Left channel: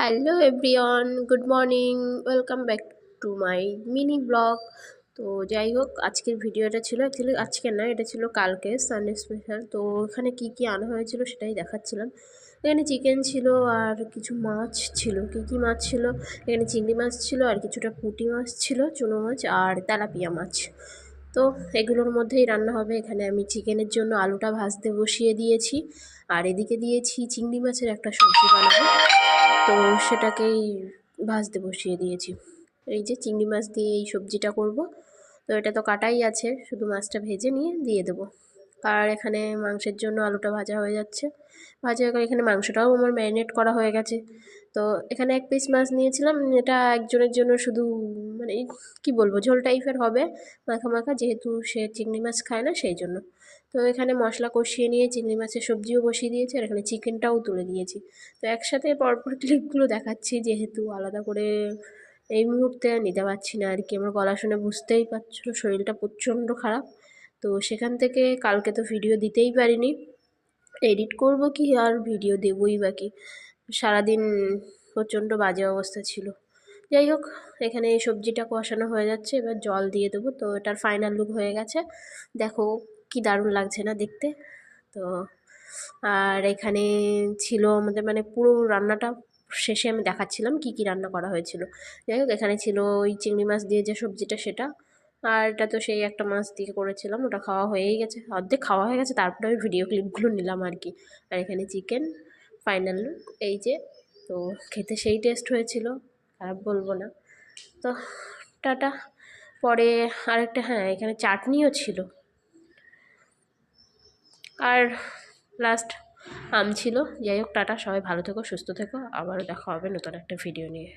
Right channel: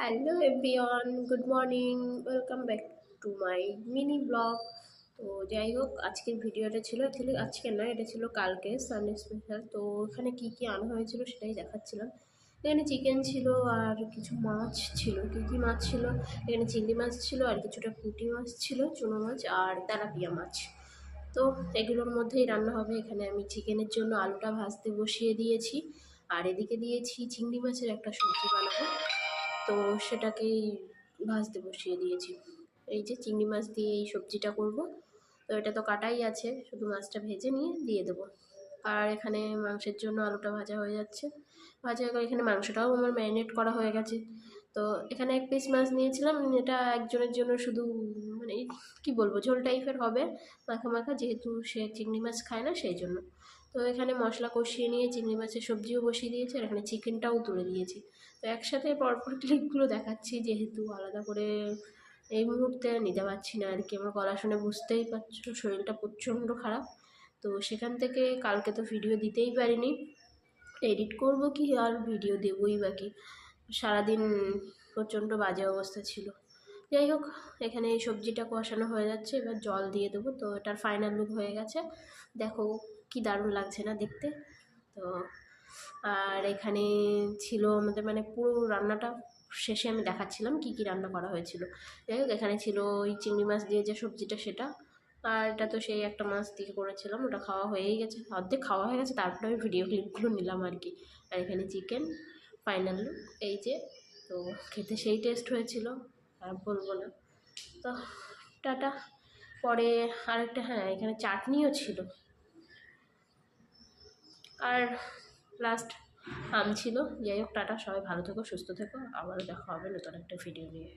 Hello everyone, good morning. Welcome back to my mini blog. তো যাই হোক, আজকের ভিডিওটা ছিল অ্যাকচুয়ালি আজকে না, এটা ছিল কালকে সানডে স্পেশাল। তো এখানে কি কি আনা হয়েছিল সেটাই দেখাচ্ছিলাম। এখানে চিকেন ছিল আর কিছু মাছ ছিল। কী কী মাছ ছিল? এখানে চিংড়ি মাছ ছিল আর কিছুটা পুঁটি মাছ ছিল, চুনো মাছ আর তেলাপিয়া মাছ। তো এগুলোর মধ্যেই রান্না হবে। এখানে আমি চিকেনের জন্য আলুটা ভাজতে বসিয়ে দিয়েছি, আর এদিকে দিয়েছি চিংড়ি মাছের একটা সবজি বানাবো। তো সেটাকেই ভাজতে বসিয়ে দিয়েছি। এই যে চিংড়ি মাছ দিয়ে এই সবজিটা করব। তো এটা তো কাটাই আছে, শুধু মাছটা ভেজে নিয়ে দিয়ে দেবো। আর এখানে মাংসের জন্য আলুটা ভাজা হয়ে যাচ্ছে। ভাজা হয়ে গেলে এখানে মাংসটাও আমার ম্যারিনেট করা হয়ে গেছে। তো এখানে এক পিস মাছ নিয়েছিলাম, এটা একজনের জন্য শুধু, মানে কি বলবো, ঝোল টাইপের হবে, মাখা মাখা, যেহেতু সে চিংড়ি মাছ খায় না সেই জন্য। তো এখানে মশলা কষিয়ে নিয়ে চিংড়ি মাছের সবজিও বসিয়ে দিয়েছি, আর এখানে চিকেনটাও তুলে দিয়েছি। তো একসাথে পরপর ক্লিপগুলো দেখাচ্ছি, যেহেতু আলাদা করে এই মুহূর্তে নিতে পারছি না আর কি। আমার গলা শুনে বুঝতেই পারছো শরীরটা প্রচণ্ড খারাপ। তো সেখান থেকে কালকে তো ভিডিও দিতেই পারিনি। এডিট করব কি আর ভিডিও দেবই বা কি, সারাদিন প্রচণ্ড বাজে অবস্থা ছিল। যাই হোক, এখানে এই সবজিটা কষানো হয়ে যাচ্ছে, এবার জল দিয়ে দেবো। তো এটার ফাইনাল লুক হয়ে গেছে, দেখো কি দারুণ লাগছে না দেখতে। তো আর এখানে ছিল আমাদের, মানে পুরো রান্নাটা শেষে আমি দেখাচ্ছিলাম কি কি রান্না করা হয়েছিল। যাই হোক, এখানে ছিল ওই চিংড়ি মাছ দিয়ে যে সবজিটা সেটা, আর এটা তো সেই একটা মাছ দিয়ে করেছিলাম, ওটা খাওয়া হয়েই গেছে, অর্ধেক খাওয়া হয়ে গেছে, তারপরে আমি ভিডিও ক্লিপগুলো নিলাম আর কি। আর এখানে চিকেন ফাইনাল লুক এই যে। তো খেতে সেই টেস্ট হয়েছিল, খারাপ বলবো না। তো টাটা। পরে আরেকটা, হ্যাঁ, এখানে চাটনিও ছিল, আর লাস্ট আম ছিল। যাই হোক, টাটা, সবাই ভালো থেকো, সুস্থ থেকো, আবারও দেখা হবে নতুন একটা ভিডিও নিয়ে।